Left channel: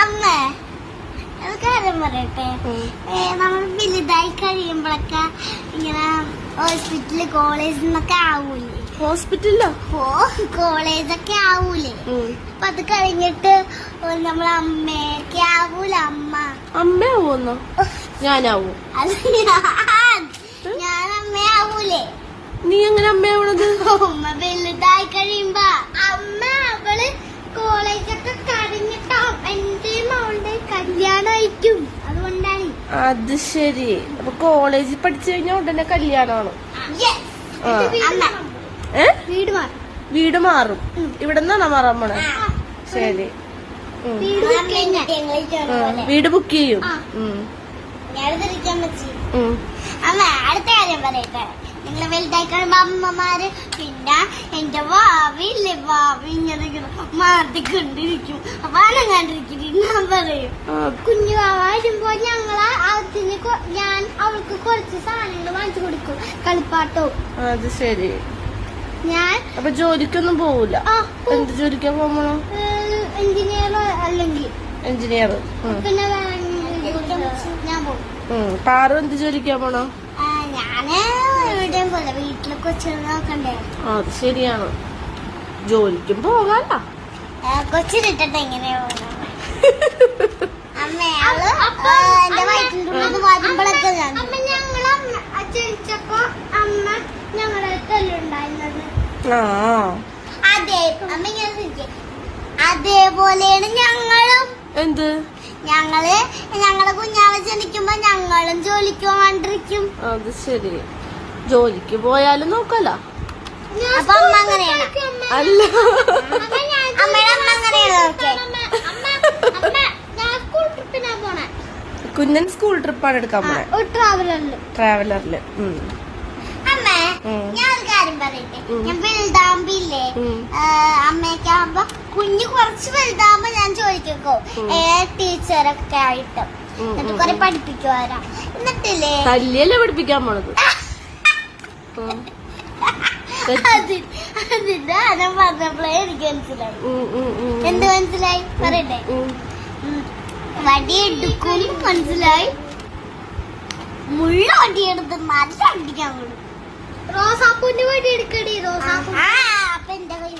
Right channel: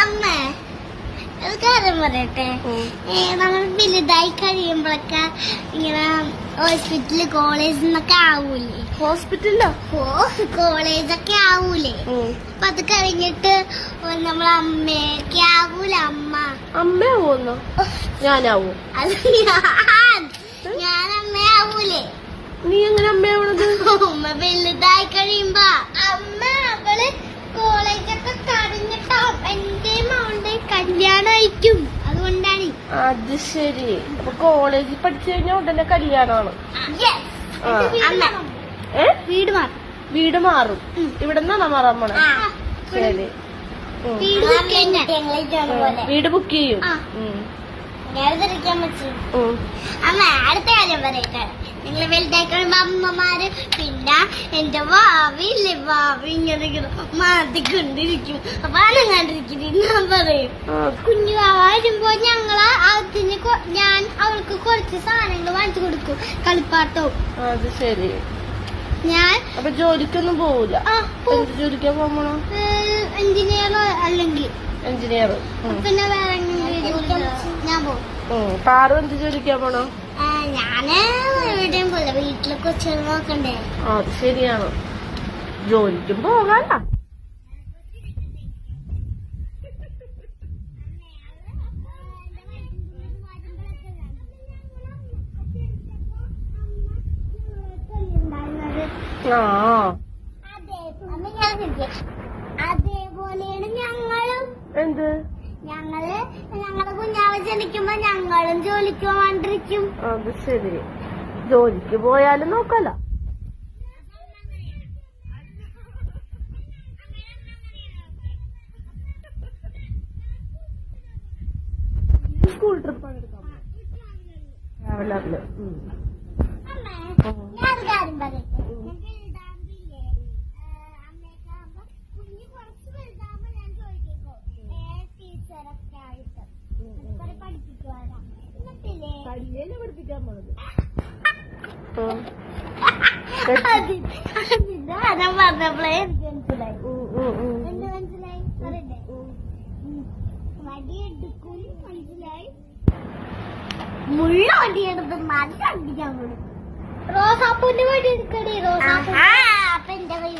അമ്മേ കാര്യം പറയട്ടെ, നമ്മൾ വലുതായി കഴിയുമ്പോഴൊക്കെ ഇങ്ങനെ ഹോസ്പിറ്റല് കോളേജ് എന്നൊക്കെ ആവൂലേ? ഹോസ്പിറ്റലിലോ? കോളേജൊക്കെ ആവൂലേ? അപ്പൊ അത് കഴിഞ്ഞിട്ട് നമ്മളെ അമ്മയൊക്കെ ആവൂല? അമ്മയാവൂന്നോ? ഞാനാവൂ? ഞാൻ അമ്മയാവൂലേ? നീ എങ്ങനെ അമ്മയാവണത്? അമ്മ വലുതായി കഴിയുമ്പോ അമ്മ അവള് കോളേജൊക്കെ കഴിഞ്ഞിട്ടാവും എന്റെ മോളുടെ കല്യാണമായിരിക്കും. അതുകൊണ്ടാണ്. അത് ശരി. അപ്പൊ കോളേജിൽ പഠിച്ചു കഴിഞ്ഞാൽ ഉടനെ കല്യാണമാണ്. വീട് മാറും. ഇവിടെ നിന്നാണോ മാറാൻ പോണേ? ശരി. വീട് ബുക്ക് ചെയ്യും. അമ്മ അടുത്ത കാര്യം പറയട്ടെ, നിങ്ങളെ വലുതായി കഴിയുമ്പോ അമ്മമാര് പിന്നെ എന്റെ ഭാവിയില്ലേ, ഭാവി ഇങ്ങനെ മാറിക്കൊണ്ടിരിക്കും. അപ്പൊ അനങ്ങാണ്ടിരിക്കും. ഞാൻ പറയും കുഞ്ഞു വരുമ്പോ ഞാൻ അവൾക്ക് കുറച്ച് സാധനങ്ങൾ വാങ്ങിച്ചു കൊടുക്കും, കളിപ്പാട്ടവും. അത് ശരി. ഞാൻ അപ്പൊ ജോലിക്കൊന്നും പോവില്ല? എന്ത് ജോലിക്കാ പോകണോ? എഞ്ചിനീയറോ അല്ലെങ്കിൽ എഞ്ചിനീയറോ? പിന്നെ വേറെ ഞാൻ പോകും. പാറു എന്ത് ജോലിക്കാ പോണോ? ഞാന് എവിടെയും പോലെ വീട്ടിലെ കൊച്ചുകൾ നോക്കണ്ടേ? അത് ശരിയാണ്. ജോലിക്കും പോകാല്ല. കൊച്ചിലിട്ടിട്ട് എങ്ങനെയാ അമ്മയാള് എന്റെ വയറ്റിൻ്റെ വരുമ്പോഴൊക്കെ ജനിച്ചപ്പോ അമ്മ ഞങ്ങളെ തല്ലുണ്ടായിരുന്നത്. അതെ അമ്മ ഞാൻ അതേപോലെയാണ് ഞങ്ങളും. എന്ത്? ഞങ്ങളെ കുഞ്ഞാവ് ജനിക്കുമ്പോ ഞങ്ങളും ജോലിക്ക് പോകാണ്ടിരിക്കും. അത് ശരി. ജോലിക്ക് പോയാലും നോക്കല്ല. അപ്പൊ അമ്മ അങ്ങനെയാണ്? അല്ല, അമ്മയുടെ അമ്മ അങ്ങനെയാണ്. കുഞ്ഞൻ സ്കൂൾ ട്രിപ്പാണ് എടുക്കാൻ പോണേ, ട്രാവലറില്. അമ്മേ ഞാനൊരു കാര്യം പറയട്ടെ, ഞാൻ വലുതാകുമ്പില്ലേ അമ്മയൊക്കെ ആകുമ്പോ കുഞ്ഞ് കുറച്ച് വലുതാകുമ്പോ ഞാൻ ചോദിക്കോ ടീച്ചറൊക്കെ ആയിട്ട് എന്നിട്ട് കൊറേ പഠിപ്പിക്കുവാരാ. എന്നിട്ടില്ലേ തല്ലിയല്ലേ പഠിപ്പിക്കാൻ പോണത്? അതിന്റെ ഞാൻ പറഞ്ഞപ്പോഴേ എനിക്ക് മനസ്സിലായി. എന്ത് മനസ്സിലായി പറയട്ടെ? വടിയെടുക്കും മനസ്സിലായി, മുള്ള വടിയെടുത്ത് നല്ല അടിക്കാൻ കൊടുക്കും. റോസാപ്പൂന്റെ വടി എടുക്കടി. റോസാപ്പൂ അപ്പൊ എന്റെ കൈ